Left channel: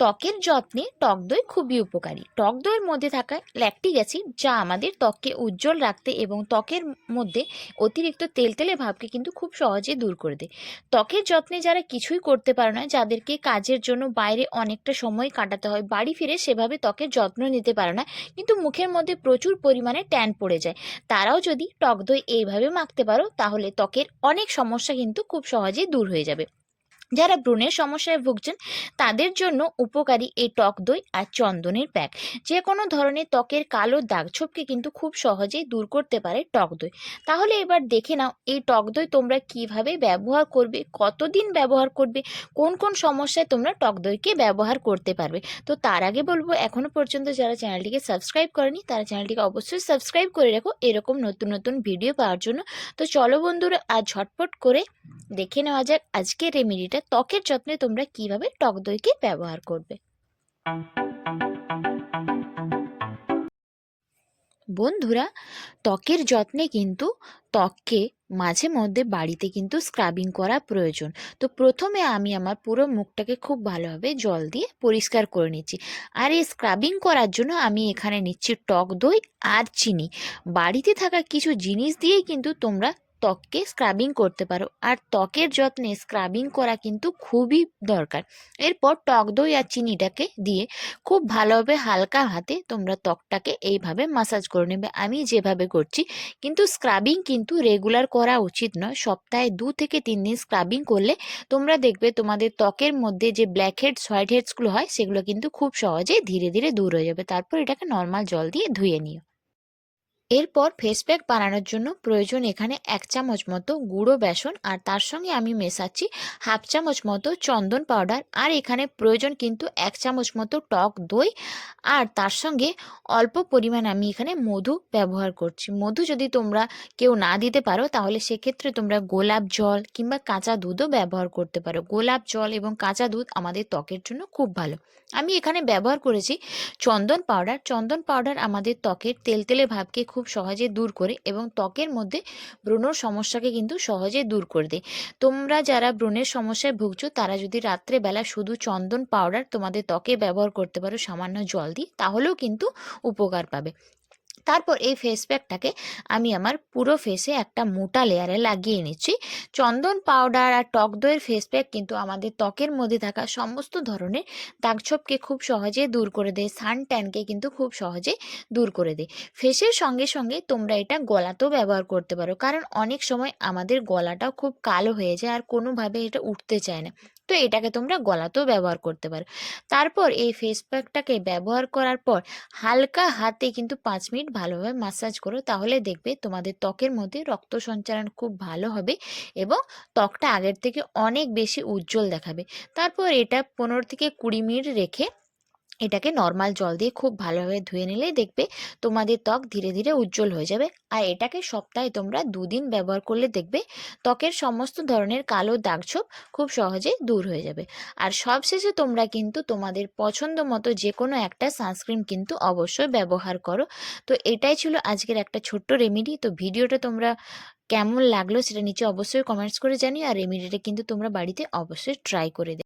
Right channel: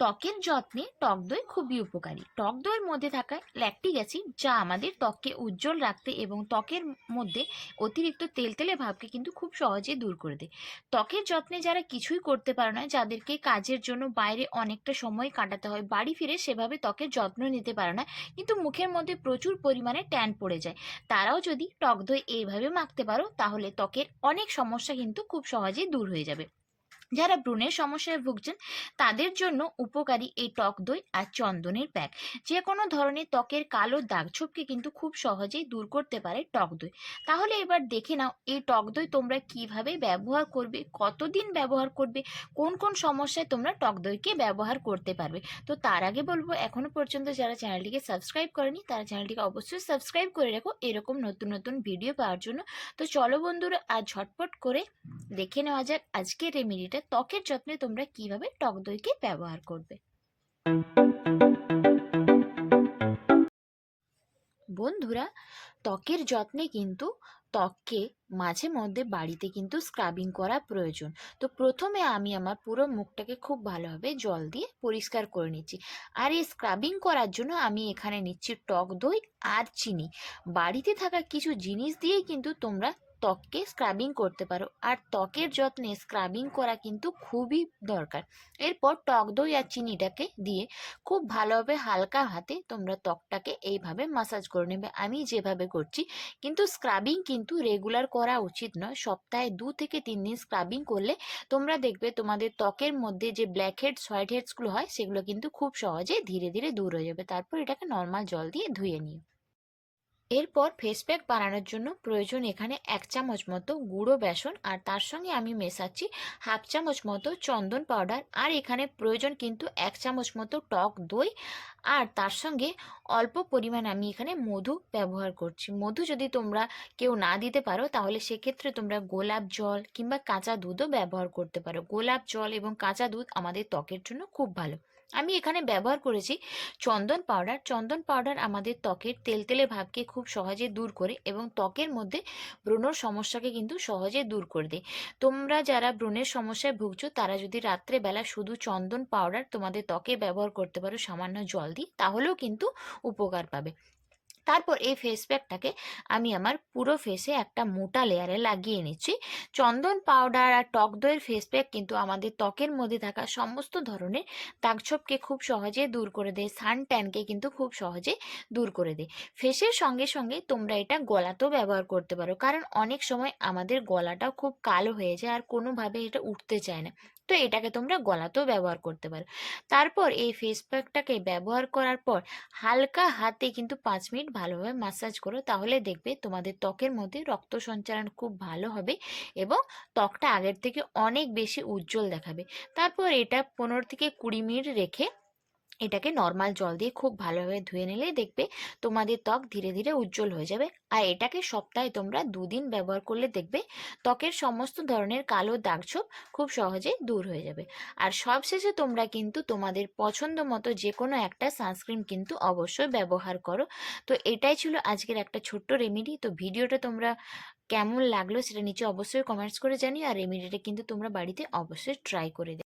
ত্বকের যত্নে টক দই খুবই উপকারী। টক দইয়ের মধ্যে থাকা ল্যাকটিক অ্যাসিড যা আমাদের ত্বককে উজ্জ্বল রাখতে এবং ত্বকের মধ্যে অতিরিক্ত তেলতেলে ভাবকে কিন্তু খুব সহজে দূর করে দেয়। ত্বকের যত্নে যারা কিছুই করতে পারে না, যাদেরকে কাজের জন্য বাইরে অনেকটা সময় কাটাতে হয়, বাড়ি ফিরে সেভাবে ত্বকের যত্ন নিতে পারে না, কিন্তু মুখের মধ্যে প্রচুর পরিমাণে ট্যান পড়ে যায়, তারাও যদি টক দই এইভাবে মাখতে পারো তাহলে ত্বকের অনেক সমস্যা কিন্তু খুব সহজেই দূর হয়ে যাবে। যারা ব্রণের সমস্যায় ভুগছেন তাদের জন্য উপকারী এই টক দই আর চন্দনের প্যাক। যে কোনো ধরনের ত্বকের কালো দাগ ছোপকে কিন্তু খুব সহজেই দূর করতে পারে টক দই। তাহলে এবার দেখে নাও এই টক দই তোমরা কিভাবে ব্যবহার করবে, কতদিন ব্যবহার করবে, কোন কোন সমস্যায় তোমরা টক দইকে ব্যবহার করতে পারবে। তো তার আগে বলবো, এখনো পর্যন্ত যারা চ্যানেলটিকে সাবস্ক্রাইব করেনি তারা চ্যানেলটিকে অবশ্যই সাবস্ক্রাইব করে রাখো এরকম নতুন নতুন ভিডিও পাওয়ার জন্য। তো চলো বন্ধুরা, আজ ঝটপট করে দেখে নেওয়া যাক আজকের রেমেডিটা, ত্বকের যত্নে তোমরা কিভাবে টক দইকে ব্যবহার করবে। বন্ধুরা, ত্বকের যত্নে কিন্তু ত্বককে মাঝে মধ্যে বাড়িতে কিন্তু স্ক্রাবিং করা প্রয়োজন। তো প্রথমে আমি আমার পুরো মুখটাকে খুব ভালোভাবে জল দিয়ে পরিষ্কার করে নিচ্ছি। আর এই স্ক্রাবিং করার জন্য আমি এখানে নিচ্ছি টক দই আর চিনি। বাড়িতে থাকা কিছু জিনিস দিয়েই কিন্তু তোমরা ত্বককে স্ক্রাবিং করতে পারো, আর ত্বকের যত্নে স্ক্রাবিং করা কিন্তু খুবই দরকার। এরপর টক দই আর চিনিটাকে দিয়ে খুব ভালোভাবে হালকা হাতে তোমরা ত্বকটাকে এইভাবে মাসাজ করে নেবে, আমি যেভাবে করছি। কিন্তু স্ক্রাবিং কিন্তু রেগুলার করা উচিত নয়, সপ্তাহে 2 থেকে 3 দিন স্ক্রাবিং করলে তোমরা দেখবে তোমাদের ত্বকের মধ্যে যে ব্ল্যাক হেডস হোয়াইট হেডসগুলো হয় সেগুলো কিন্তু খুব সহজে ধীরে ধীরে দূর হয়ে যাবে। তারপর এটাকে নর্মাল জল দিয়ে ধুয়ে নিও। এরপর ফেস প্যাক বানানোর জন্য প্রয়োজন এখানে 1 চামচ মতো গুঁড়ো বেসন, আর তার সঙ্গে আমি মেশাচ্ছি 1/2 চামচ মতো চন্দন পাউডার, আর এখানে প্রয়োজন কিন্তু 1 চামচ মতো টক দই, আর তার সঙ্গে অল্প পরিমাণ আমি এখানে মধু ব্যবহার করছি। মধু যদি তোমরা কেউ না দিতে পারো তাহলে সেক্ষেত্রে তোমরা গোলাপ জল কিংবা কাঁচা দুধও ব্যবহার করতে পারো। গোলাপ জল এবং কাঁচা দুধ আমাদের ত্বকের জন্য খুব ভালো। আমি এখানে ব্যবহার করেছি চন্দন পাউডার। চন্দন পাউডার আমাদের ত্বকের তেলতেলে ভাবকে খুব সহজে দূর করে এবং ত্বকের মধ্যে ব্রণর সমস্যাকে কিন্তু সহজে দূর করে দেয়। তোমরা যারা ব্রণের সমস্যায় ভুগছো তারা যদি রাত্রেবেলা শুধু চন্দন পাউডার তোমাদের ত্বকে ব্যবহার করতে পারো সামান্য জল দিয়ে, তাহলেও কিন্তু উপকার পাবে। তারপর এই ফেস প্যাকটাকে আমি আমার পুরো ফেসে একটা মোটা লেয়ারে লাগিয়ে নিচ্ছি। চন্দন পাউডার আর টক দইয়ের ফেস প্যাক কিন্তু আমাদের ত্বকের মধ্যে থাকা সমস্ত ধরনের দাগছোপকে খুব সহজে দূর করে দেয়, সান ট্যানকে কিন্তু খুব সহজে দূর করে দেয়। ফেসের সঙ্গে সঙ্গে তোমরা এটা গলাতেও ব্যবহার করতে পারো, কারণ অনেক সময় আমাদের গলাটাও খুব কালো হয়ে যায় আর কোনোভাবে এটা উঠতে চায় না। তো এটাকে তোমরা গলাতেও ব্যবহার করতে পারো। তারপর এই ফেস প্যাকটাকে ব্যবহার করার পর হালকা হাতে কিন্তু 5 মিনিট ভালোভাবে মাসাজ করো, তাহলে দেখবে তোমাদের ত্বকের মধ্যে রক্ত সঞ্চালন খুব ভালো হবে এবং ত্বকটা আগের থেকে অনেক বেশি উজ্জ্বল দেখাবে। তারপর এটা 15 থেকে 20 মিনিট রেখে এটাকে নর্মাল জল দিয়ে খুব ভালোভাবে ধুয়ে নিলেই দেখবে তোমাদের ত্বক ধীরে ধীরে উজ্জ্বল হয়ে যাবে। আর এটাকে সপ্তাহে তোমরা 2 দিন ব্যবহার করলে দেখবে ত্বকের সমস্ত ধরনের কালো দাগছোপ খুব সহজে দূর হয়ে যাবে। আর সবশেষে তোমরা কিন্তু তোমাদের পছন্দ মতো যে কোনো একটা সানস্ক্রিন কিন্তু অবশ্যই ব্যবহার করো। তো এটাই ছিল আজকের একটা ছোট্ট রেমেডি। তো ভিডিওটা তোমরা কেমন লাগলো সেটা নিচে অবশ্যই কমেন্টস করে জানিও, আর রেমেডিটা কিন্তু তোমরা বাড়িতে অবশ্যই ট্রাই করে